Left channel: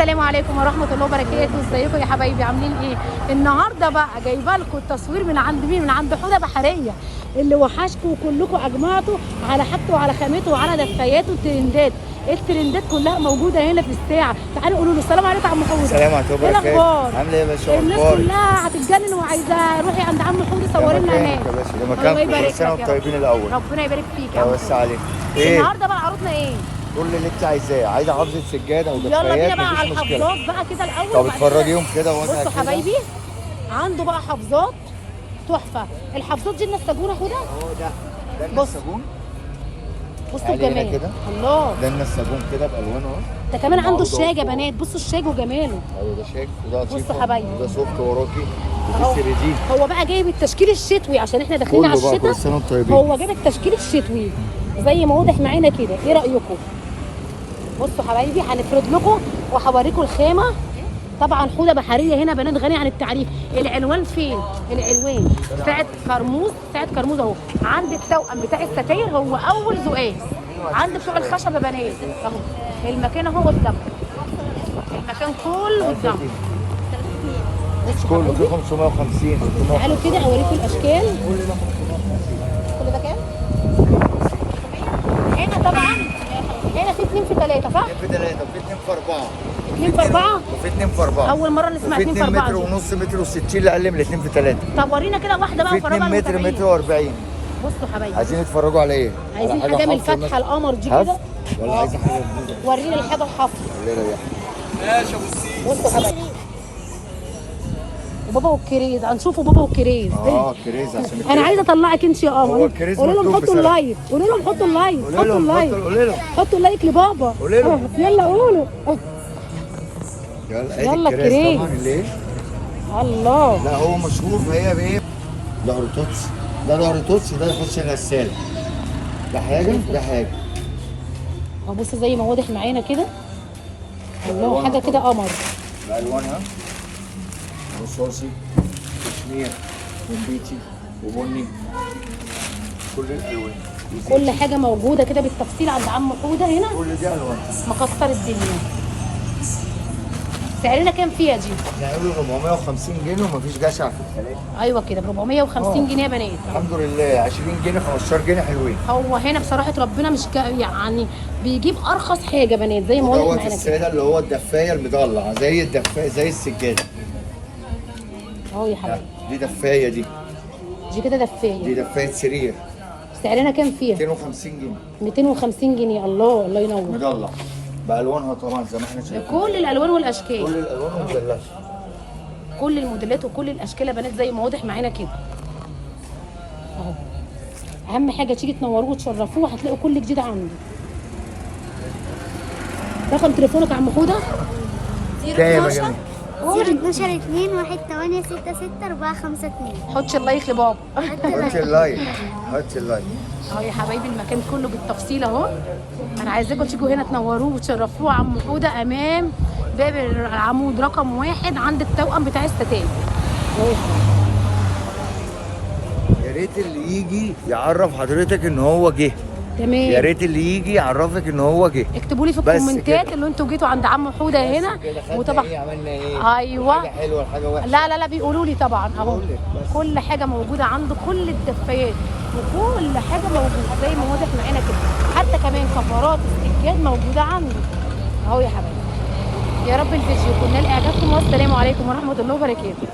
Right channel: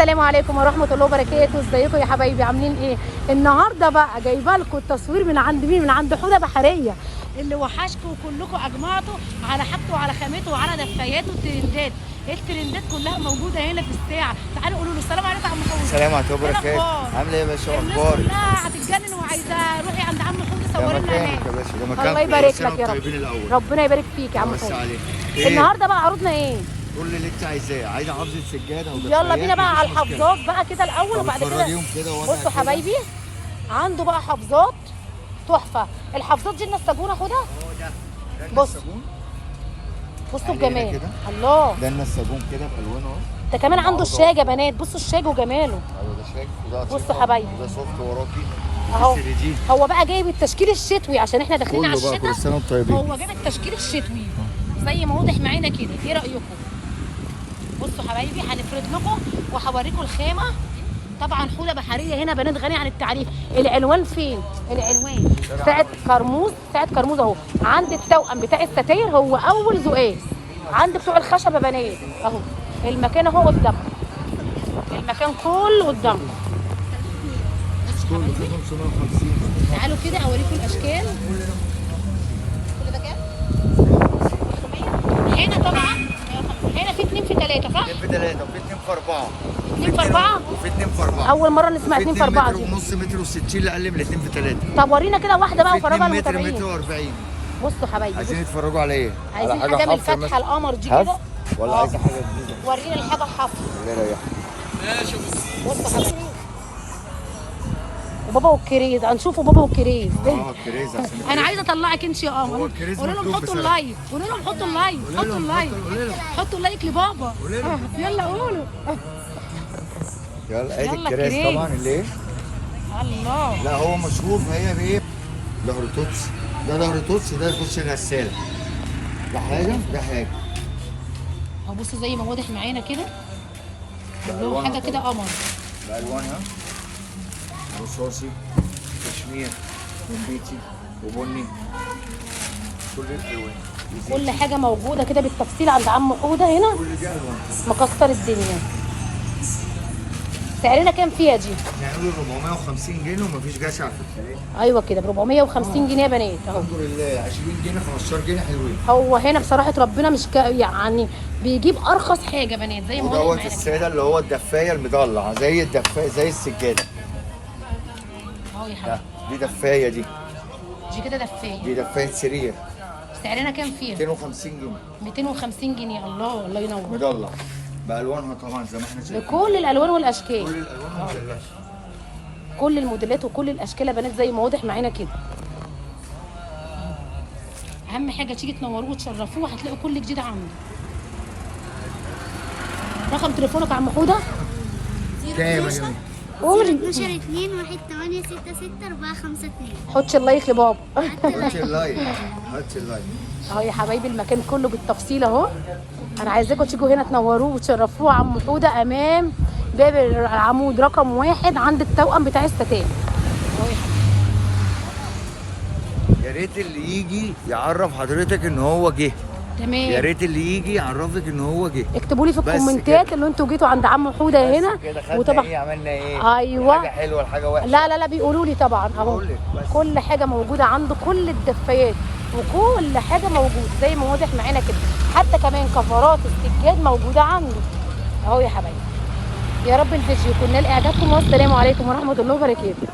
السلام عليكم ورحمه الله وبركاته. ازيكم يا حبايبي عاملين ايه؟ النهارده بقى جايبه لكم التصوير من عند مين؟ من عند حوده بحريه اللي وحشكم وكلكم اجمعتوا على حاجته وعلى خامته وعلى دفاياته الترندات. الترندات كلها موجوده هنا في الساعه. تعالوا قولوا له السلام عليكم يا عم حوده. السلام عليكم وبركاته. عامله ايه يا باشا؟ الناس كلها هتتجنن وعايزه روحي عند عم حوده صوري لنا هناك. يا باشا ده مكان كل سنه وانتم طيبين الاول. ربنا يبارك فيك يا بس عليك. ايه النهارده بقى عروضنا ايه؟ كل اللي انت عايزاه. عايزه حافظه سجاده ودفايات يلا بينا بقى على مفيش مشكله. الحفظات بقى كده الاول. طب اتفرجيهم كده وانا بصوا حبايبي عنده بقى حفظات تحفه. الحفظات دي النساجونه خدها. ده النساجون. بصوا الجمال كده. الله. ده النساجون كده بالوانه اهو. ده كمان عنده الشاج يا بنات. بصوا الشاج وجماله. ايوه ده شاك وده قطيفه. بصوا حبايبي وده سوفت وراكي اهو. وده سيريزين. هو بقى جايب التشكيل الشتوي عشان احنا داخلين على الشتاء. كل سنه وانتم طيبين. هو جايب التشكيل الشتوي زي ما واضح معانا كده. ايه رايكم؟ بصوا حبايبي هنفرد لكم وهوريكم الخامه. طبعا حوده بحريه هنا بنات غني عن التعريف. العنوان فين؟ العنوان ساعه كرموز. ساعه كرموز اهو. عند التوأم بتاع الستاير هو اول زقاز. عند بتوع الخشب يا بنات اهو. المكان اهو قدامكم. المكان كله قدامكم. كله في 550. تعالوا كده اوريكم الاشكال. كل ده كام؟ هنا طبعا هنا في 2 في 3 صح؟ 2 في 3 وفي 2 في 4. 2 في 4 وفي 2 في 4. اول مره نسمع 2 في 2 4 متر ونص متر و60 اللي اقل من 2 في 3. طب ورينا كده واحده بقى في 2 متر متر و40. بصوا حبايبي عايزين تتفرجوا على ايه؟ عايزين حاجه من الفتحه القمر دي حف كده ولا عايزه حاجه جديده؟ ورينا الحاجه الحفر. لا لا يا ماشي يا ابو السيد. بصوا حبايبي بابا والكريز. هنشوفوا بابا والكريز. كريز عشان انا الكريز. عايزه اطلعك انت يا قمر. هو الكريز قولوا لهم مطلوب حطوا بصراحة. اللايك. قولوا لهم حطوا اللايك. قولوا حطوا لهم اللايك. قولوا لهم حطوا اللايك لبابا. قولوا لهم. يلا قولوا. يلا ادي يلا الكريز الكريز. طبعا اللي ايه؟ الله. لا هو مشهور فهي بايه؟ ظهر توتس. ده ظهر توتس وده يخش غساله. ده حاجه ده حاجه. اهو بصوا زي ما واضح معانا كده. الله حاجه كده قمر. بألوانها رصاصي كشمير وبيتي وبني كل الالوان. كل حاجه موجوده كده بالتفصيل عند عم حوده هنا. كل دي الوان. مكسر الدنيا. سعرنا كام فيها دي؟ نعمله 450 جنيه ومفيش جشع في الكلام. ايوه كده ب 450 جنيه يا بنات. الحمد لله 20 جنيه 15 جنيه حلوين. هو هنا بصراحه ربنا مش يعني بيجيب ارخص حاجه بنات زي ما واضح دوت معانا كده. الساده اللي هو الدفايه المضلعه زي الدفايه زي السجاده. اهو يا حبيبي. دي دفايه دي كده دفايه. دي دفايه سرير. سعرنا كام فيها؟ 250 جنيه 250 جنيه. الله الله ينور. مضلع بالوانها طبعا زي ما احنا شايفين. كل الالوان والاشكال. كل الالوان ومدلعه. كل الموديلات وكل الاشكال يا بنات زي ما واضح معانا كده. اهو. اهم حاجه تيجي تنوروه وتشرفوه هتلاقوا كل جديد عنده. رقم تليفونك يا عم حوده؟ كام يا جميل؟ 012 2 1 8 6 6 4 5 2. حط اللايك لبابا. هات اللايك هات اللايك. اهو يا حبايبي المكان كله بالتفصيل اهو. انا عايزاكم تيجوا هنا تنوروه وتشرفوه عم حوده امام باب العمود رقم 1 عند التوأم بتاع الستان. اهو يا حبايبي. يا ريت اللي يجي يعرف حضرتك ان هو جه. تمام. يا ريت اللي يجي يعرفك ان هو جه. اكتبوا لي في بس الكومنتات كده. ان انتوا جيتوا عند عم حوده هنا. كده خدنا ايه عملنا ايه؟ ايوه. حاجه حلوه حاجه وحشه. لا لا لا بيقولوا لي طبعا اهو. بيقول لك بس. كل حاجه موجوده عنده. كل الدفايات وكل حاجه موجوده زي ما واضح معانا كده. حتى كمان كفرات السجاد موجوده عنده اهو يا حبايبي. يا رب الفيديو يكون نال اعجابكم والسلام عليكم ورحمه الله وبركاته.